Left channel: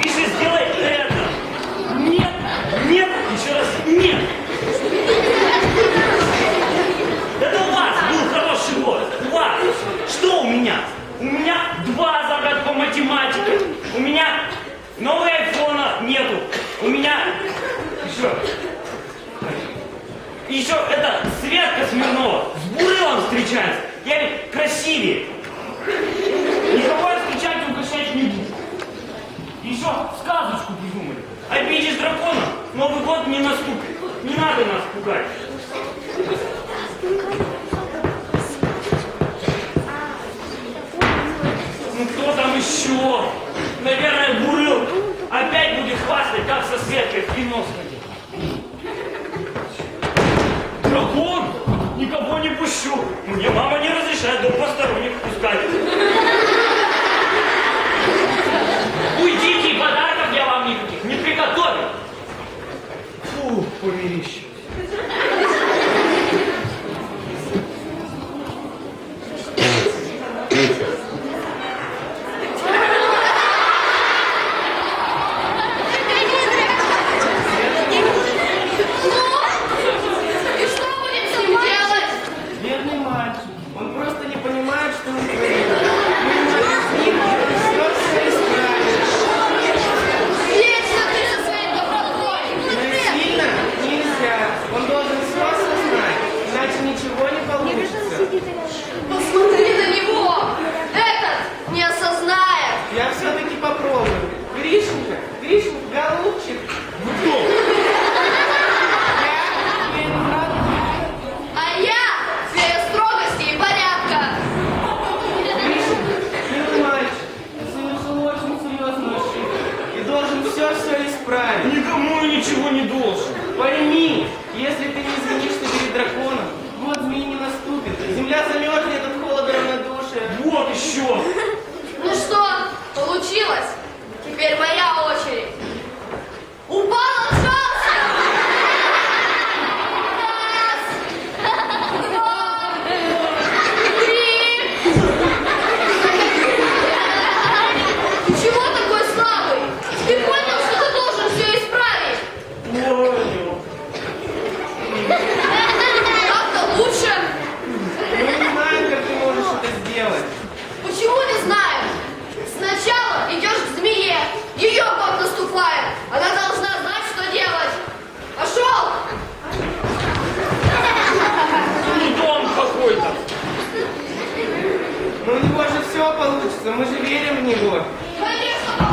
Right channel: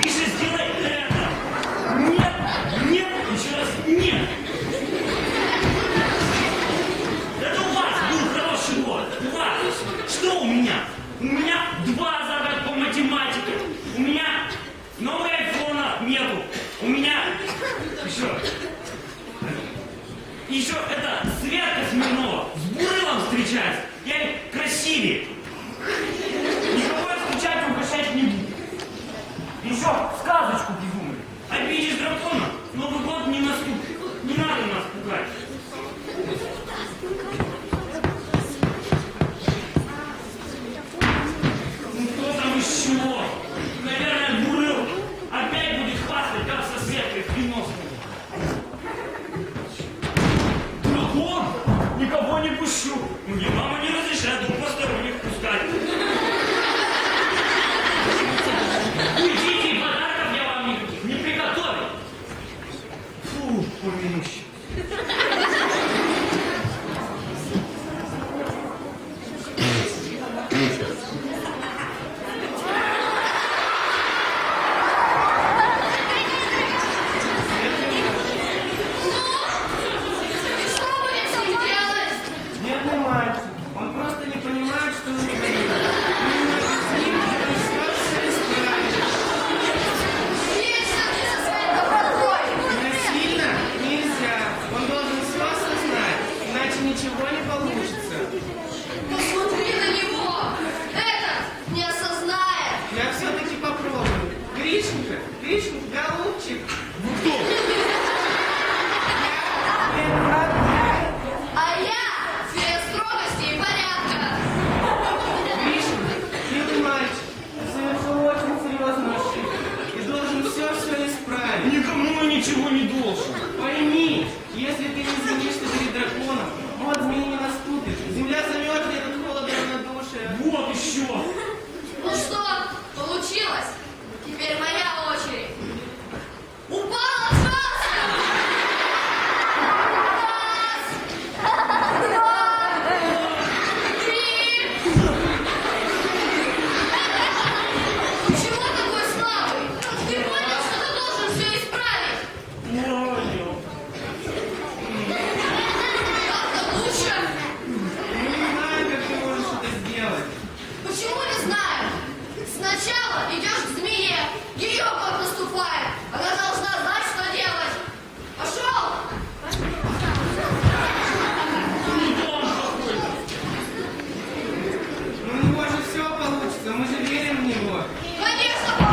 Гриша, сделай это. Нет, нет, еще раз нет. Это у вас был хороший год. У вас. Что у меня? У меня два загад по математике. У меня нового айфона нету. У меня еще... Еще это Светка Смирнова с Бурылом встречается. Я ведь красивее. Никого я встречать и угощать не буду. Еще сказочку придумали. Обидишь дракона, Новый год не наступит. Не надо нас пугать. Ну кто там еще? Наверное, Бурыл опять будет хвастать, как со Светкой в кино. Дракон? Никого не пущу. Мне мама не разрешает дом посторонних пускать. bicho. ничего не получится. Посмотри на него. Этот не осознает. Я все-таки попробую. Гришенька, Гришенька, голубчик. Вы кто? Я. А я фея строгости и порядка. Гришенька, милый мальчик, ты совершил очень серьезную ошибку. И должен все-все исправить. Никому я ничего не должен. Пойми, если ты не извинишься перед драконом, год змеи не наступит. Земля замерзнет от холода равнодушия. Вот еще. Ну что, получилось? Теперь моя все получится, мы же верим в него. Конечно,